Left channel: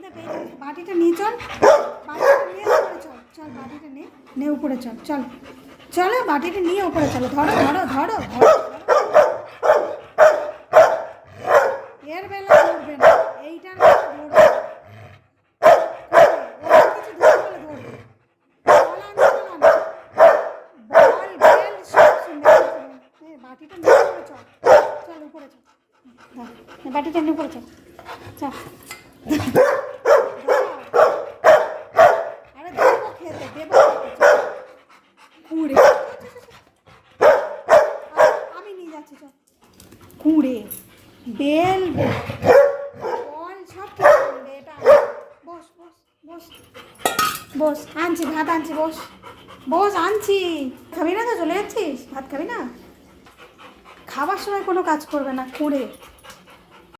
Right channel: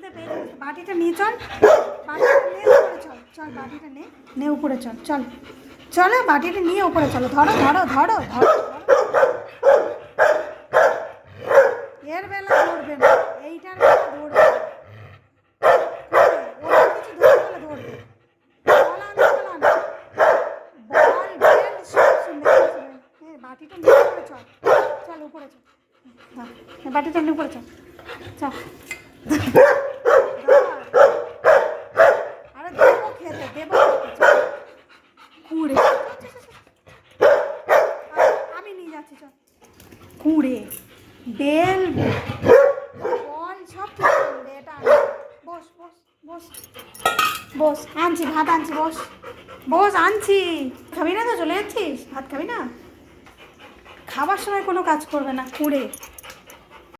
খিদে পেয়ে বাটিটা নিয়ে চল, বাটিটা নিয়ে উপরে চল, চল বাটিটা নে উপরে চল, চল চলো বাটিটা নিয়ে উপরে চলো, ধরো ধরো ধরো ধরো। এর বেলা ধরবে না, এইটার বেলা ধরবে না, ওর কিছু ধরতে হলে ধরবে। বল বেল সব শুনে বাটিটা নিয়ে উপরে চল, চল উপরে চল, বাটিটা নিয়ে উপরে চল, চল। আরে দেবো খেতে, দেবো কুড়ে, আমি নিয়ে যাচ্ছি চল। কুড়ে বেল বল সব কিছু আনবে, এটা আনবে। বস বস বস বস, আনছি ভাত আনছি, বস বস আনছি। খাবি না তো চলে যাচ্ছিস, ভাত খাবি না? খাবার সময় কোনো কাজ করবে না, কুড়ে।